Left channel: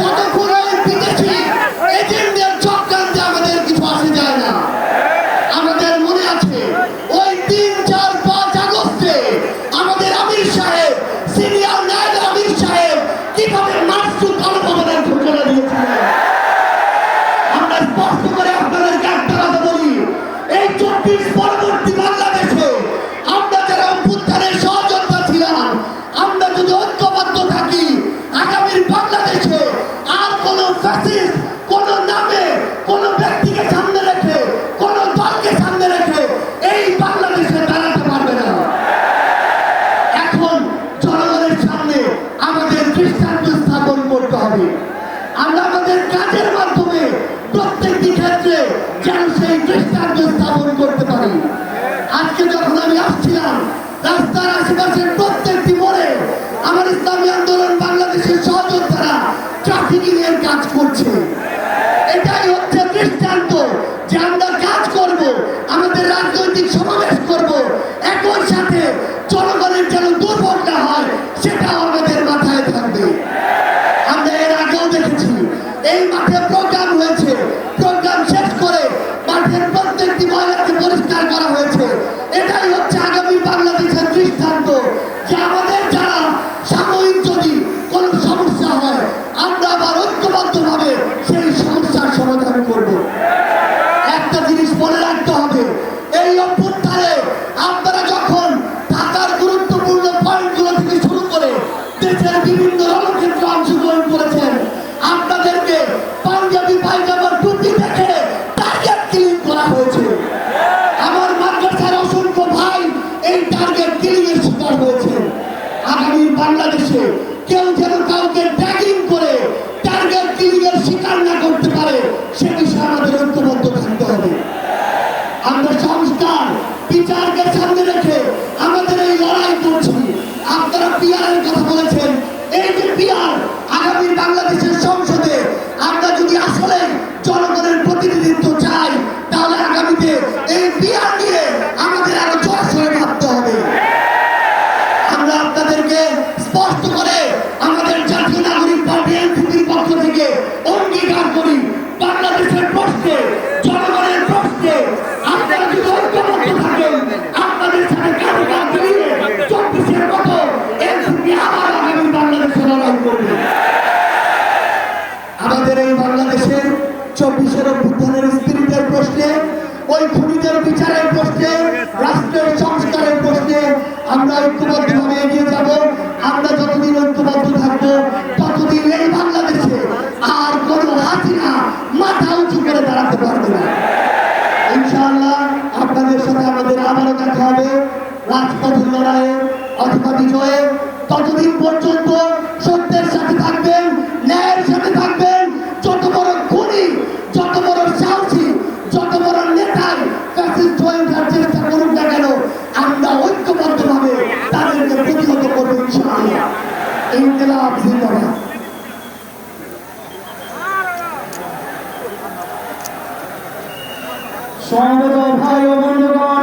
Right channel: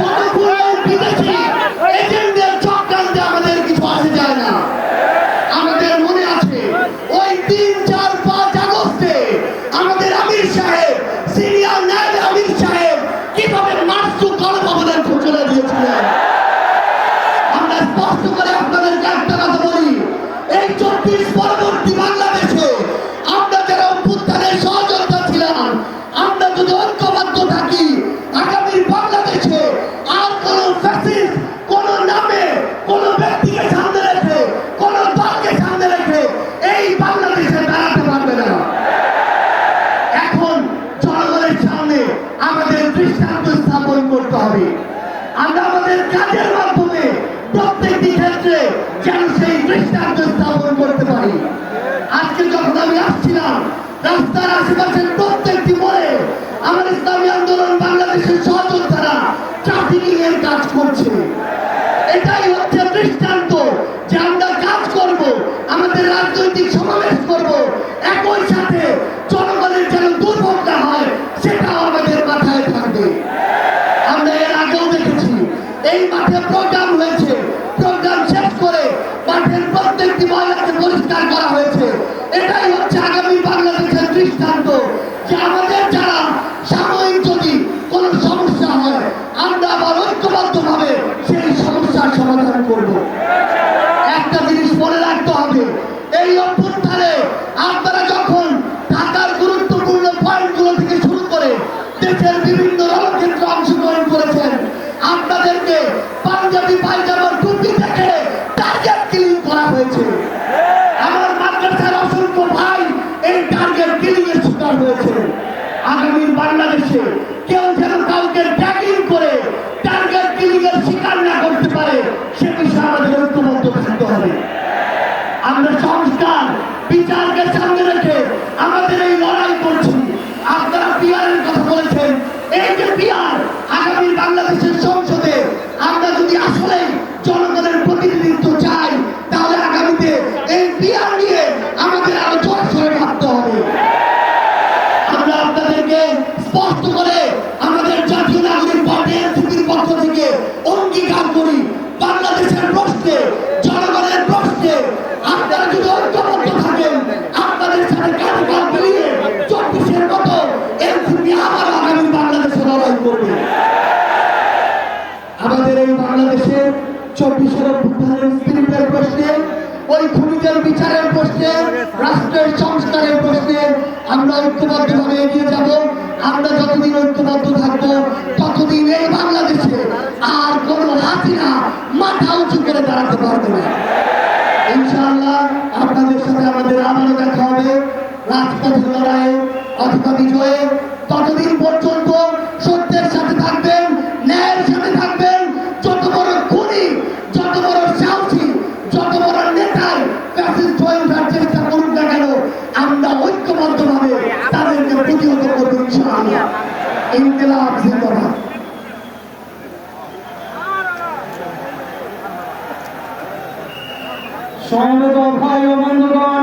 কত কোনো বিদেশি এজেন্টদের চক্রান্তে আমাদের কিছু আসে যায় না। আমাদের মনে আছে ওই 3, 4, 5 আগস্টে আমাদের আমির সাহেব, সিনিয়র নায়েব আমির সাহেব কিভাবে নাচু গণভবনের ঘোষণা দিয়েছিলেন। আমরা স্পষ্ট করে আপনাদেরকে একটা কথা বলি, এই 24 পরবর্তী বাংলাদেশে আমরা যারা অভ্যুত্থানের সহযোদ্ধা ছিলাম, আমরা যদি ঐক্যবদ্ধ থাকি, আগামীর বাংলাদেশে আর কোন ফ্যাসিস্ট কোন নামে কোন ব্যক্তিকে সামনে রেখে কোন দলকে সামনে রেখে এই বাংলাদেশে দাঁড়াতে পারবে না। এখন জনগণের সামনে আমাদের দৃষ্টান্ত স্থাপন করতে হবে। আমরা আমাদের কাজের মাধ্যমে প্রত্যেকটি ক্ষেত্রে যেন সেই দৃষ্টান্ত স্থাপন করতে পারি। আজকে যখন আমি আসছিলাম, রাস্তার আশেপাশের প্রত্যেকটি মোড়ে আমার ইসলামী আন্দোলন বাংলাদেশের সহযোদ্ধারা ট্রাফিকিং এর কাজ করছে। এটাই হচ্ছে দৃষ্টান্ত যে আমরা কাজ করব, আমাদের রাজনৈতিক সমাবেশ করব, একই সাথে জনগণের যেন দুর্ভোগ না হয় সেটাও আমাদের মাথায় থাকবে। আমরা এর আগেও দেখেছি এই মাঠে প্রোগ্রাম হয়েছে, প্রোগ্রাম শেষ করে মাঠের প্রত্যেকটি ময়লাকে পরিষ্কার করা হয়েছে। এটাই হচ্ছে আগামী বাংলাদেশের দৃষ্টান্ত যে আমাদের যারা সাময়িক যদি কোনো সমস্যা হয় আমরা আবার ঐক্যবদ্ধভাবে সেই সমস্যার সমাধান করব। একটা জিনিস মনে রাখতে হবে, এই অভ্যুত্থানে আপনারা যখন ঢাকার গুরুত্বপূর্ণ পয়েন্টগুলো থেকে শুরু করে দেশের বিভিন্ন রণক্ষেত্রে অংশগ্রহণ করেছেন, আপনাদেরকে পাঞ্জাবি পায়জামার টুপি থেকে টার্গেট কিলিং করা হয়েছে। আমার মাদ্রাসার অসংখ্য ভাই এই টার্গেট কিলিং এর শিকার হয়েছে। আগামী বাংলাদেশে কেউ যেন কাউকে ট্যাগিং করে টার্গেট কিলিং এর শিকার না করতে পারে সে বিষয়ে আমাদের ঐক্যবদ্ধ থাকতে হবে। আমরা সংস্কার বিচারকে সামনে রেখে আমাদের এই লড়াই করছি। আপনারা পিআরের কথা বলেছেন, এই যে পিআর আগামী বাংলাদেশের সংসদে আমরা যদি আসলে জনগণের প্রতিনিধিত্ব চাই তাহলে আগামীতে এই পিআর নিয়ে আমাদের আরো জোরসোরে ভাবতে হবে। আমরা আপনাদেরকে স্পষ্ট করে আমাদের জাতীয় নাগরিক পার্টি এনসিপির পক্ষ থেকে অঙ্গীকার করি, বাংলাদেশের প্রশ্নে জনগণের প্রশ্নে আপনারা যদি ঐক্যবদ্ধ থাকেন, আপনাদের সাথে কাঁধে কাঁধ মিলিয়ে 24-এর মতো এনসিপি আবার আগামী বাংলাদেশে লড়াই করবে। আমাদের এই বাংলাদেশের 24-এর অভ্যুত্থানের স্পিরিটের প্রশ্নে, ওই খুনিদের বিচারের প্রশ্নে, রাষ্ট্রের সংস্কারের প্রশ্নে আমরা ঐক্যবদ্ধভাবে এগিয়ে যাব। আমরা যতদিন ঐক্যবদ্ধ থাকবো ততদিন এই বাংলাদেশে আর কোনো হাসিনা মাথা উঁচু করে দাঁড়াতে পারবে না। ইনশাআল্লাহ আপনাদের সাথে আমাদের আবারও দেখা হবে রাজপথের লড়াইয়ে অথবা বিজয়ে। ততদিন পর্যন্ত সত্যের সাথে থাকবেন, ন্যায়ের সাথে থাকবেন। যত বড় খুনি, যত বড় সাহসী, যত বড় নেতাই ফ্যাসিস্ট হয়ে ওঠার চেষ্টা করুক না কেন, আমরা ঐক্যবদ্ধভাবে তাদেরকে প্রতিহত করবো ইনশাআল্লাহ। ইনকিলাব জিন্দাবাদ। সমবেত ভাই ও বন্ধুগণ,